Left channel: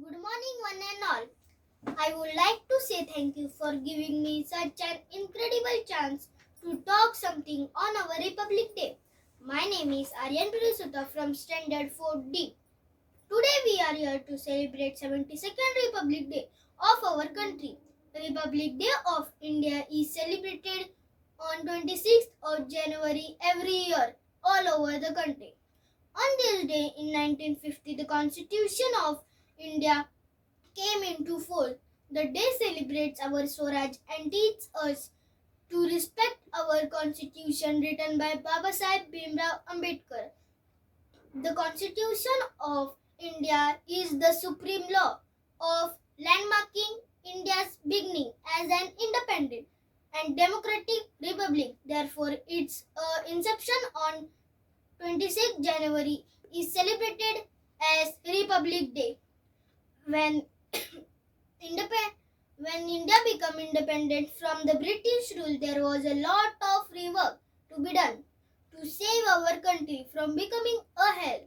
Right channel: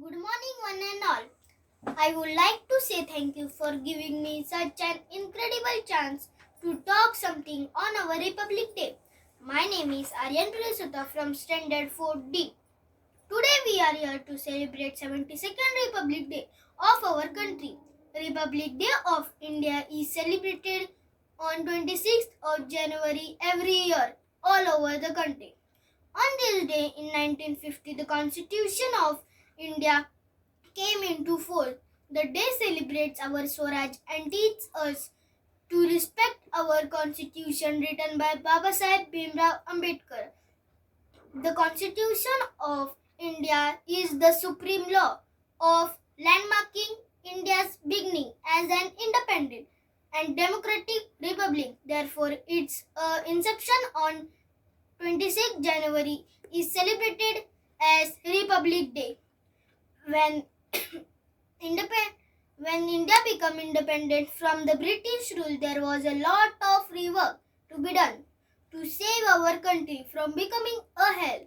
Good morning, one and all. I would like to say thank you for giving me such an incredible chance to talk something on our Republic Day. My name is Aryan Prasuta from Standard 4D. Today we are here to celebrate 72nd Republic Day of our country. Republic Day of India is celebrated on 26th of January every year all over the country. On this day in 1950, the Constitution of India came into force. The day celebrates our Swaraj and teaches us to respect our constitution written by Baba Sahib Bhimrao Ambedkar. The Constitution of India is the supreme law of landmarking India's beginning as an independent and democratic republic. Therefore, its inception on 26 January is celebrated as Republic Day. When when India became independent from the British rule, there was a lot of rework to be done to save our country from becoming a hell.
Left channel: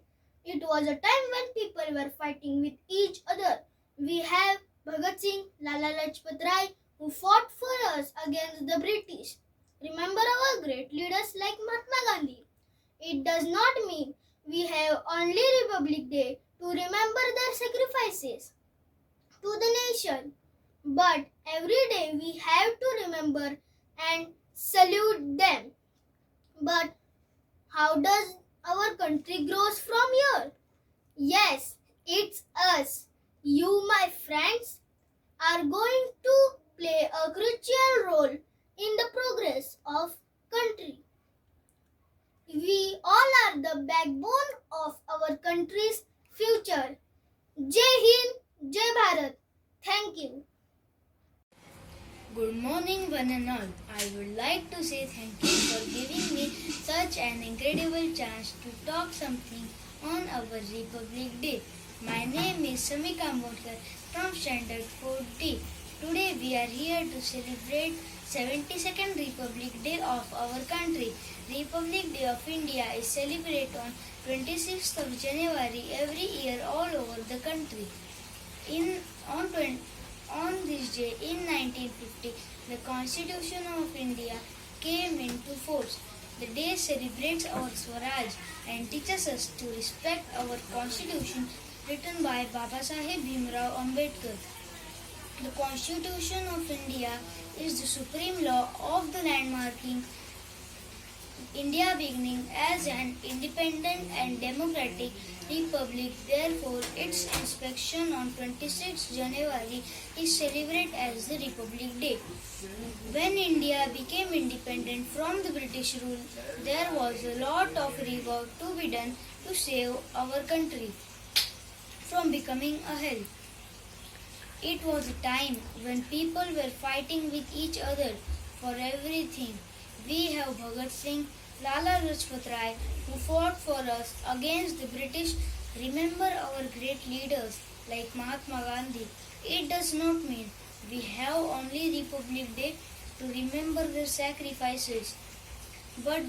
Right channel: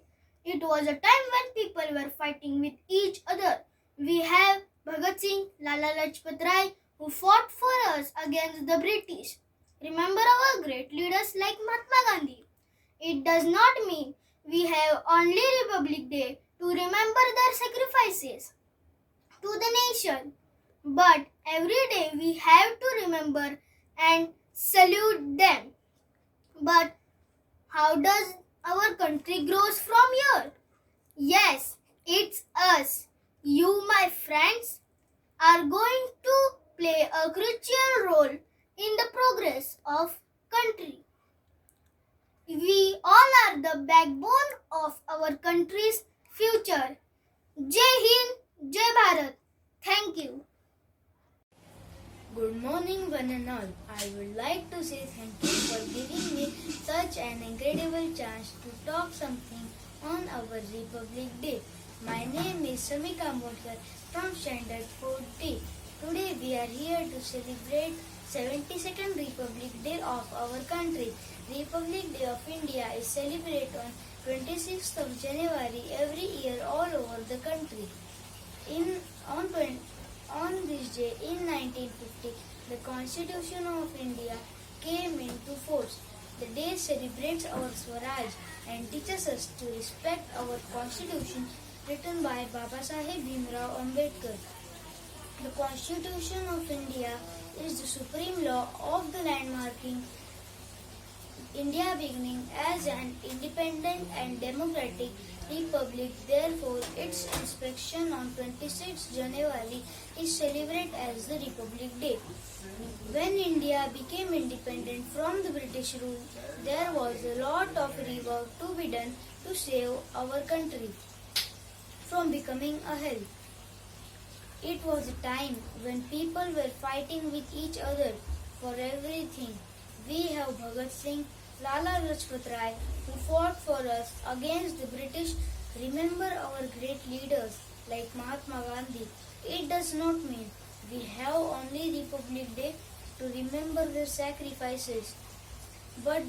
It was a time when people were fighting with each other. We have Bhagat Singh, Lala Lajpat Rai, who fought for us against the British. Remember our great leaders like Mahatma Gandhi. It does not mean we have only Republic Day to remember their sacrifices to the nation. But every day we have to remember and salute them. But how does our country grows from here? Yes, it's us. You, my friends, are going to play a crucial role in the progress of country. We all are the backbone of our country's future. Jai Hind, Jai Bharat. Thank you. Good morning, one and all. I would like to say thank you for giving me such an incredible chance to talk something on our Republic Day. My name is Samika Ambodkar from Standard 4D. Today we are here to celebrate 72nd Republic Day of our country. Republic Day of India is celebrated on 26th of January every year all over the country. In on 20, on this day in 1950, the Constitution of India came into force. The day celebrates our Swaraj and teaches us to respect our Constitution written by Baba Sahib Bhimrao Ambedkar. The Constitution of India is the supreme law of the landmarking India beginning as an independent and democratic republic. Therefore, its inspection on 26 January is celebrated as the Republic Day. When India became independent from the British rule, there was a lot of rework to be done to save our country from becoming a hell. It was a time when people were fighting with each other for everything. We have Bhagat Singh, Lala Lajpat Rai, who fought for us against the British. Remember our great leaders like Mahatma Gandhi. It does not mean we have only Republic Day to remember their sacrifices, but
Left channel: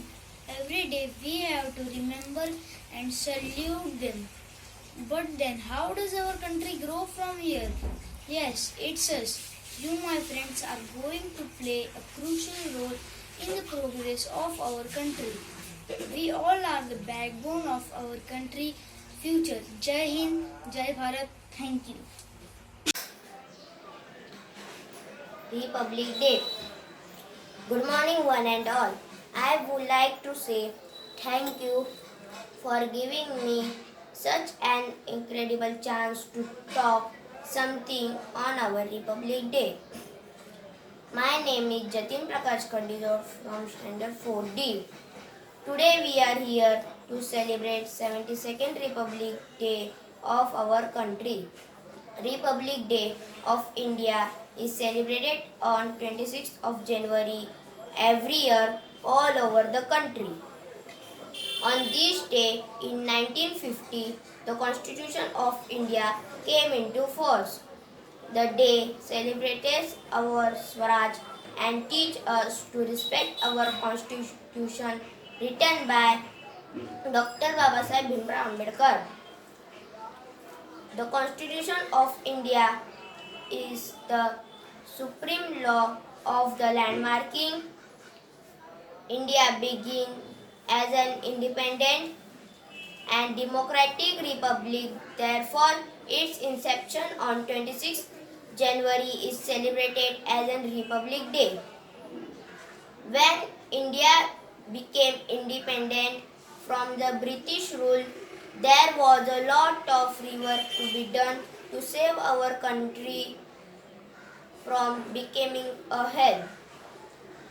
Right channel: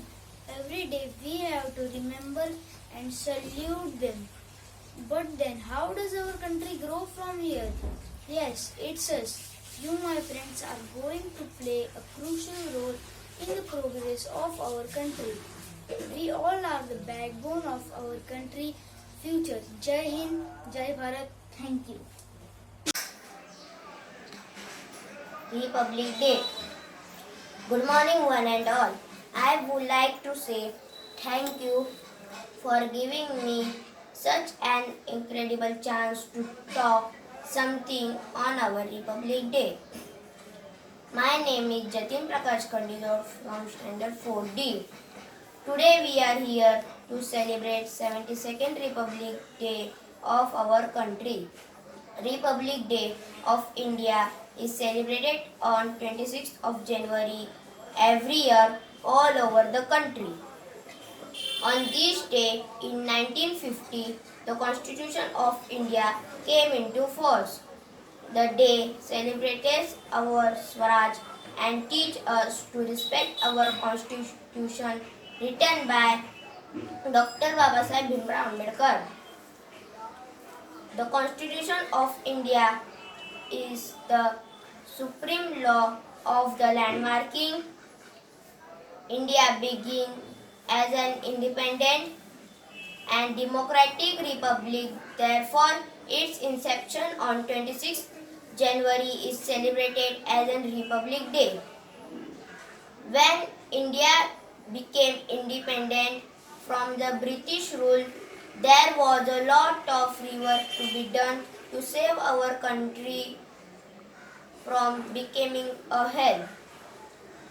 every day we have to remember and salute them. But then, how does our country grow from here? Yes, it's us. You, my friends, are going to play a crucial role in the progress of our country. We all are the backbone of our country future. Jai Hind, Jai Bharat. Thank you. Republic Day. Good morning, one and all. I would like to say thank you for giving me such an incredible chance to talk something on our Republic Day. My name is Jatin Prakash Kandilor from Standard 4D. Today we are here to celebrate 72nd Republic Day of our country. Republic Day of India is celebrated on 26th of January every year all over the country. On this day in 1950, the Constitution of India came into force. The day celebrates our Swaraj and teach us to respect our Constitution written by Dr. Babasaheb Bhimrao Ambedkar. The Constitution of India is the supreme law of the land, marking India being as an independent and democratic republic. Therefore, its inception on 26 January is celebrated as a Republic Day. When India became independent from the British rule, there was a lot of work to be done to save our country from becoming a hell.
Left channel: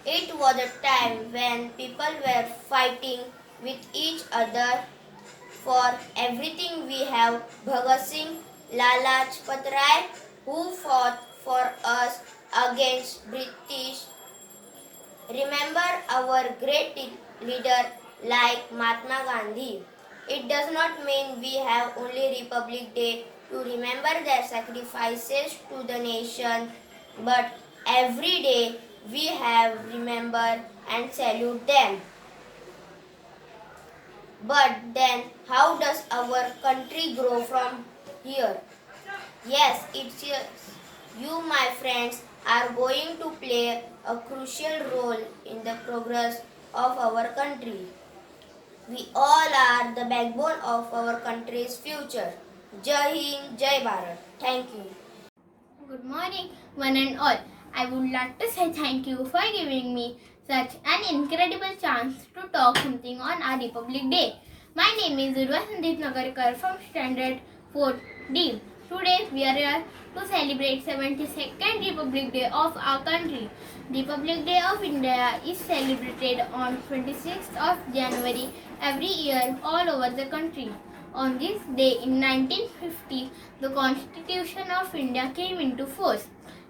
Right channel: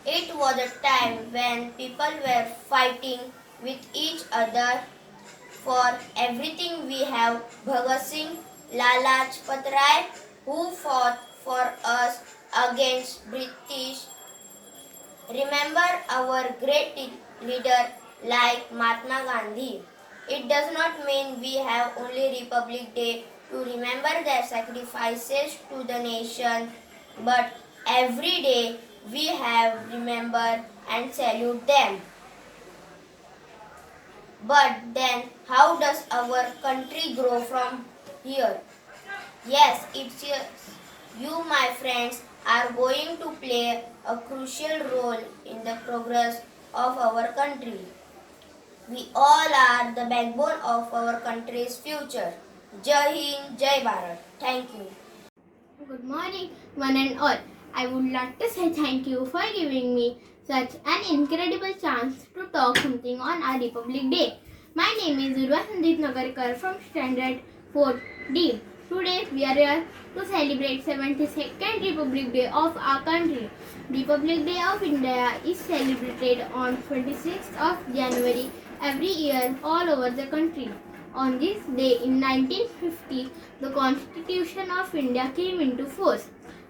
It was a time when people were fighting with each other for everything. We have Bhagat Singh, Lala Lajpat Rai, who fought for us against British. Remember our great leader like Mahatma Gandhi. It does not mean we have only Republic Day to remember their sacrifices to the nation, but every day we have remember and salute them. But then, how does our country grow from here? Yes, it's you, my friends, are going to play a crucial role in the progress of our country. We all are the backbone of our country's future. Jai Hind, Jai Bharat. Thank you. Good morning, one and all. I would like to say thank you for giving me such an incredible chance to talk something on our Republic Day. My name is Urva Sandeep Nagarkar from Standard 4D. Today we are here to celebrate 72nd Republic Day of our country. Republic Day of India is celebrated on 26th of January every year all over the country. On this day in 1950, the Constitution of India came into force.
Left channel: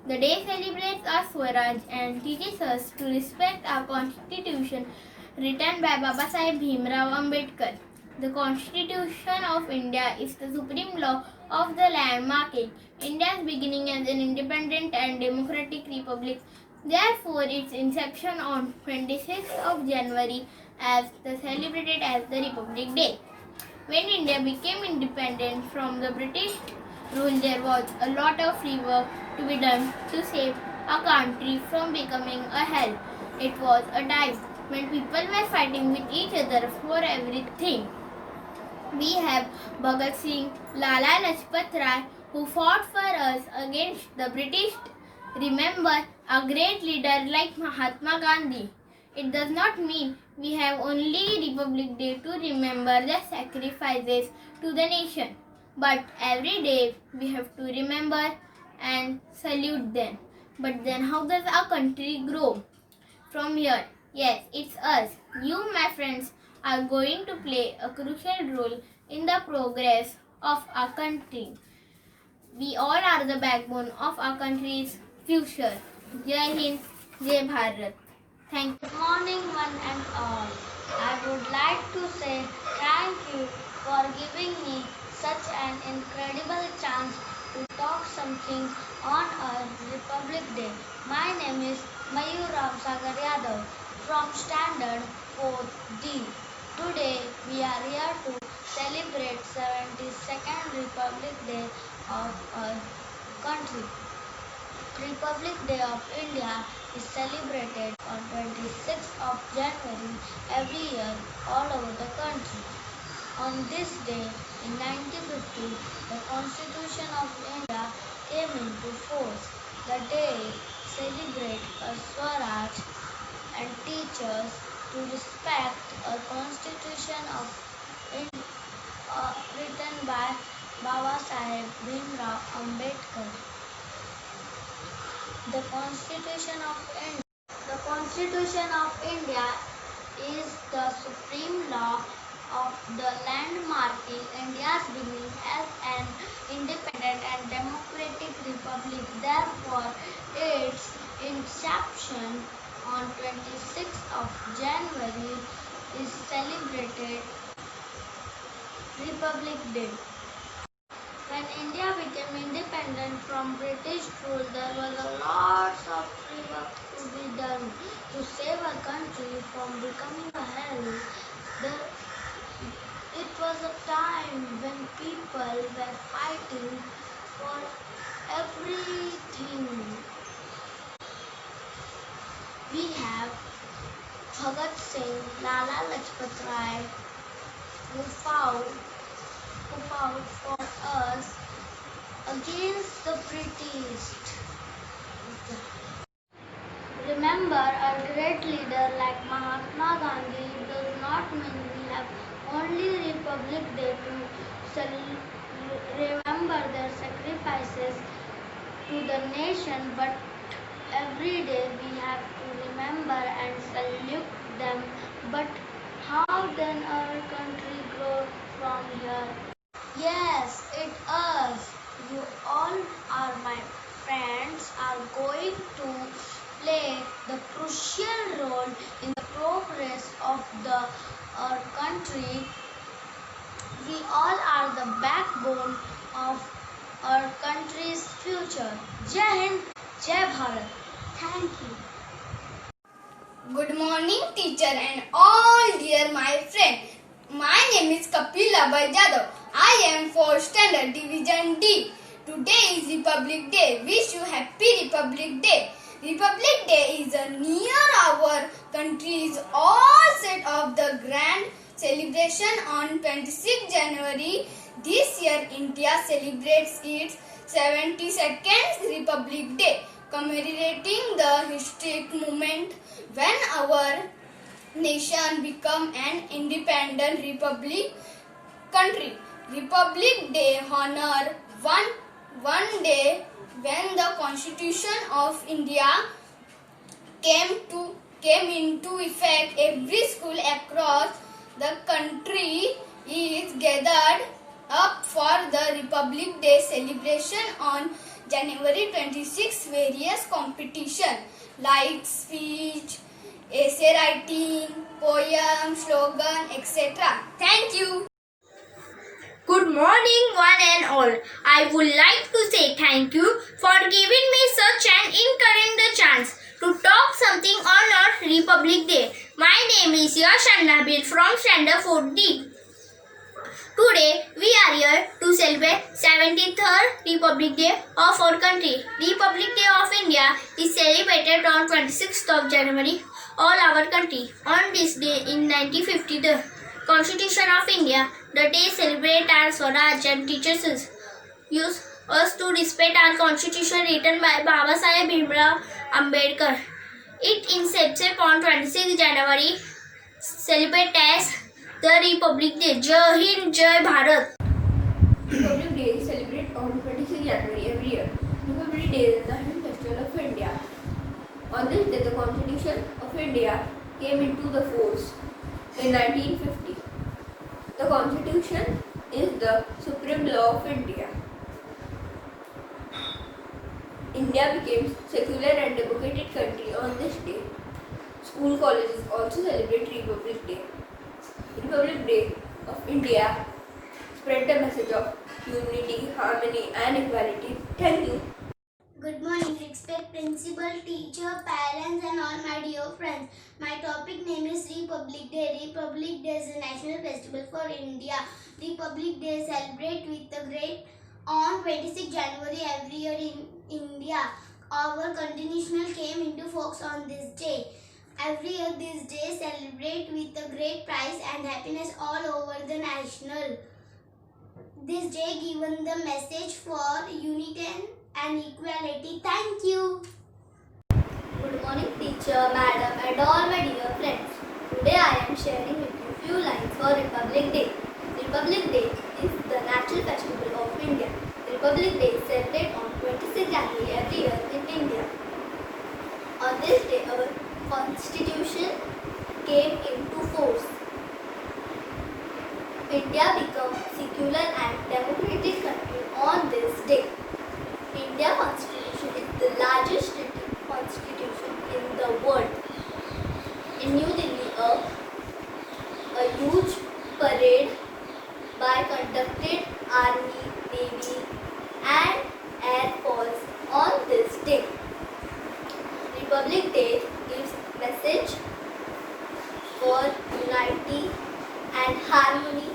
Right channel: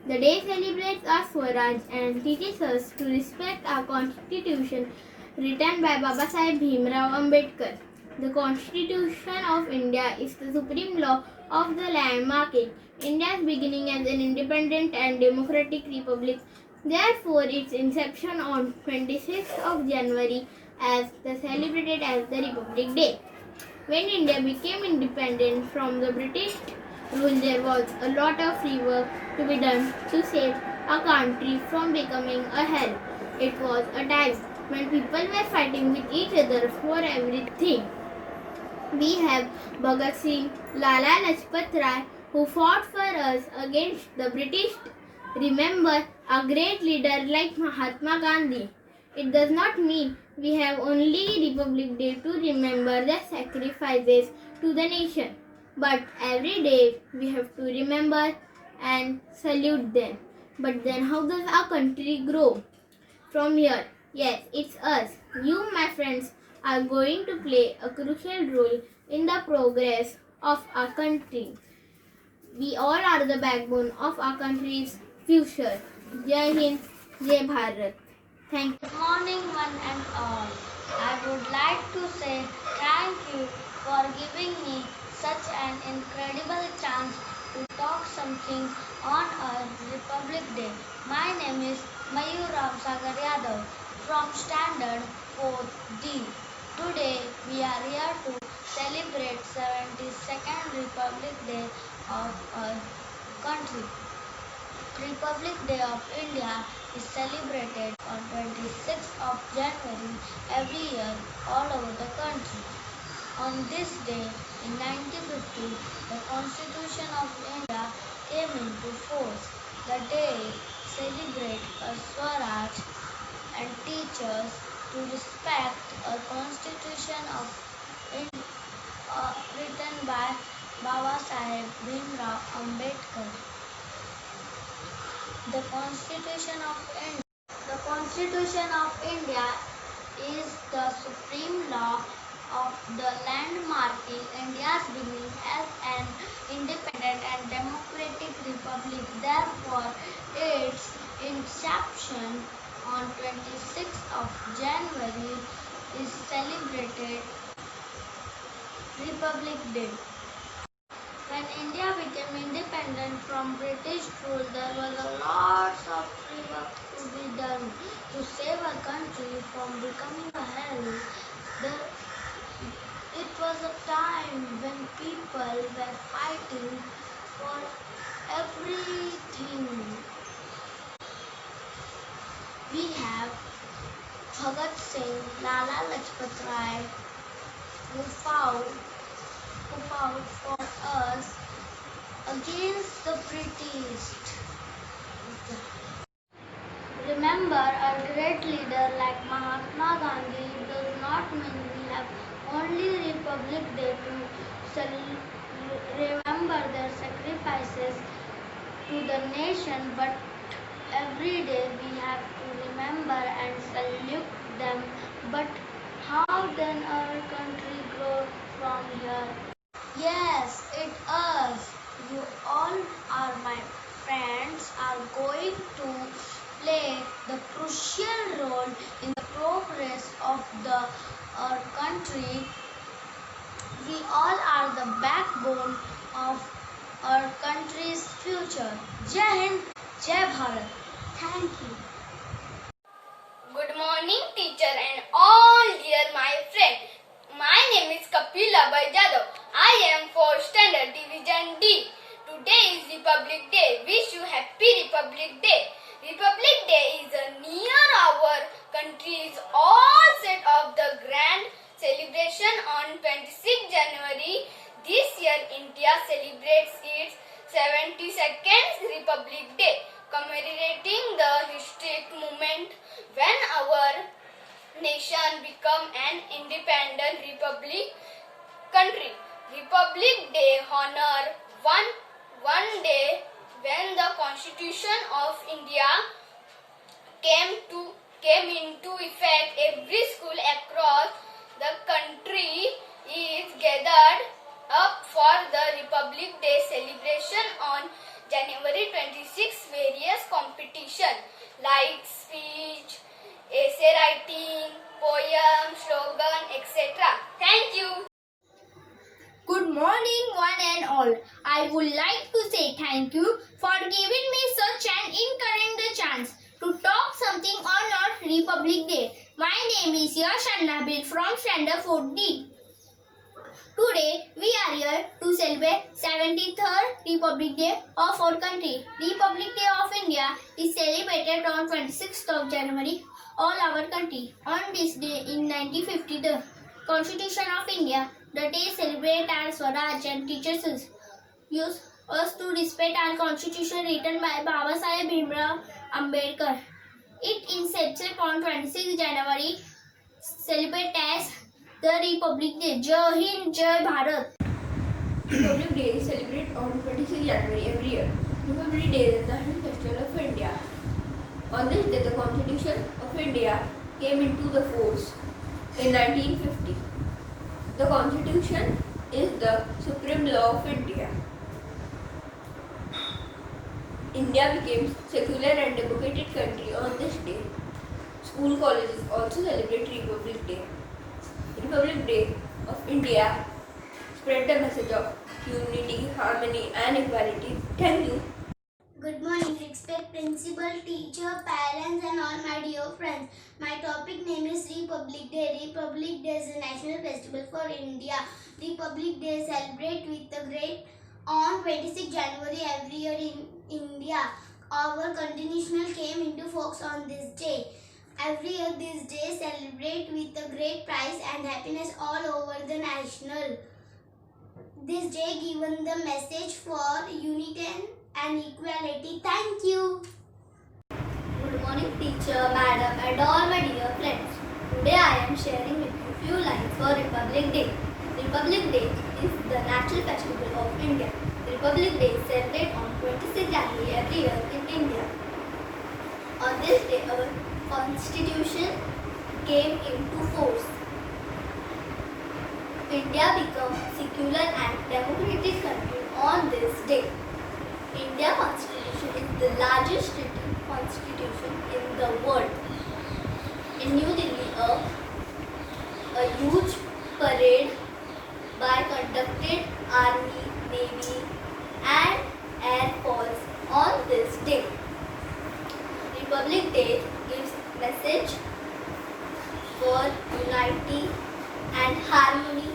The day celebrates our Swaraj and teaches us to respect our Constitution written by Baba Sahib Bhimrao Ambedkar. The Constitution of India is the supreme law of the land, marking India's beginning as an independent and democratic republic. Therefore, its inception on 26th of January as celebrated as the Republic Day. When India became independent from the British rule, there was a lot of work to be done to save our country from becoming a hell. It was a time when people were fighting with each other for everything. We have Bhagat Singh, Lala Lajpat Rai, who fought for us against the British. Remember a great leader like Mahatma Gandhi. It does not mean we have only Republic Day to remember their sacrifices to the nation, but every day we have to remember and salute them. But then, how does our country grow from here? Yes, it's us. You, my friends, are going to play a crucial role in the progress of our country. We all are the backbone of our country's future. Jai Hind, Jai Bharat. Thank you. Good morning, one and all. I would like to say thank you for giving me such an incredible chance to talk something on our Republic Day. My name is Mayur Ram Sagar Yadav from Standard 4D. Today we are here to celebrate 72nd Republic Day of our country. Republic Day of India is celebrated on 26th of January every year all over the country. On this day in 1950, the Constitution of India came into force. The day celebrates our Swaraj and teaches to respect a Constitution of India written by Baba Sahib Bhimrao Ambedkar. The Constitution of India. The Constitution of India is the supreme law of the land, marking India's beginning as an independent and democratic republic. Therefore, its inception on 26th of January is celebrated Republic Day. When India became independent from British rule, there was a lot of work to be done to save our country from becoming a hell. It was a time when people were fighting fighting for everything. We have Bhagat Singh, Lala Lajpat Rai, who fought for us against the British. Remember a great leader like Mahatma Gandhi does not mean we have only Republic Day to remember their sacrifices to the nation, but every day we have to remember and salute them. But how then our country grow from here? Yes, it is. You all are my friends are going to play the crucial role in the progress of our country. We all are the backbone of our country's future. Jai Hind, Jai Bharat. Thank you. Good morning, teacher and all dear my friend. My name is Kapil Abhay Jadhav. I am 4th Standard Division D. Today is Republic Day. Wish you Happy Republic Day. Republic Day is near our country's all set of the grand celebration on 26 January. This year India celebrates its 72nd Republic Day, commemorating the historic moment when our nation became an independent republic country. Republic Day honor one day when the Constitution of India came into effect. Every school across the country is gathered up for the Republic Day celebration on January 26. Various competition like speech, essay writing, poem, slogan, etc. Thank you. Good morning, one and all. I would like to say thank you for giving me such an encouraging chance to talk something on our Republic Day. My name is Yash Nabil from Standard 4D. Today, we are here to celebrate 73rd Republic Day of our country. Republic Day of India is celebrated on 26th of January all our country. On this day in 1950, the Constitution of India, the day celebrate our Swaraj and teaches us to respect our constitution written by Baba Saheb Bhimrao Ambedkar. It incepted on 26 January, celebrate as the Republic Day. Jai Hind, Jai Bharat. Republic Day is celebrated on 26 January every year. Republic Day is the national festival of India. On this day, the Constitution of India came into the force in 1950. The Constitution is the supreme law of India. India became secular and democratic country on this day. School colleges also celebrate Republic Day. Republic Day of India spread the message of unity, harmony and equality. Thank you. Good morning, respect principal, teacher, parents and all my dear friends. My topic name is Republic Day. Republic Day is a national festival for India. Republic Day celebrate with the great on 26 January every year in India. Our constitution came into force on this day. Every year this day celebrate with a great pride and happiness all over the national. This day given the message for unity and equality. Thank you. Good morning teacher, madam and all my dear friends. Today I am sharing with you few lines for Republic Day. Republic Day is the national festival of India. Republic Day is celebrated on 26 January every year in India. On this day our constitution came into force. India became secular and democratic country on this day. India Constitution is the largest written constitution in the world. In New Delhi, a huge parade by conducted Army, Navy and Air Force on this day. Republic Day gives message for unity and harmony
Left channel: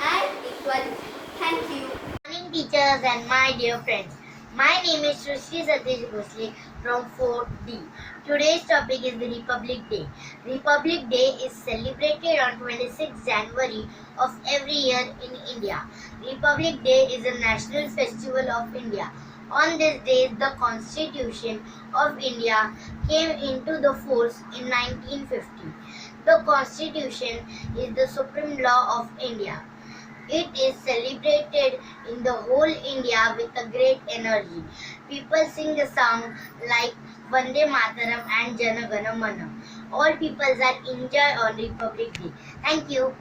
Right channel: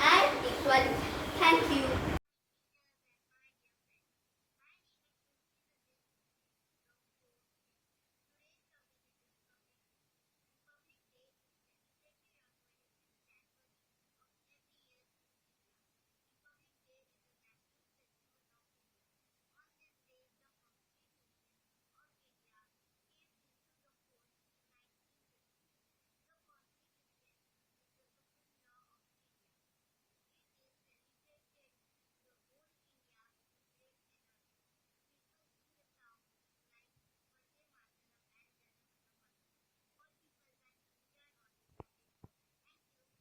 and equality. Thank you. Morning teacher, listeners and my dear friends. My name is Srushti Satish Bhosle from 4D. Today's topic is the Republic Day. Republic Day is celebrated on 26 January of every year in India. Republic Day is a national festival of India. On this day, the Constitution of India came into the force in 1950. The Constitution is the supreme law of India. It is celebrated in the whole India with a great energy. People sing a song like Vande Mataram and Jana Gana Mana. All peoples are enjoy on Republic Day. Thank you.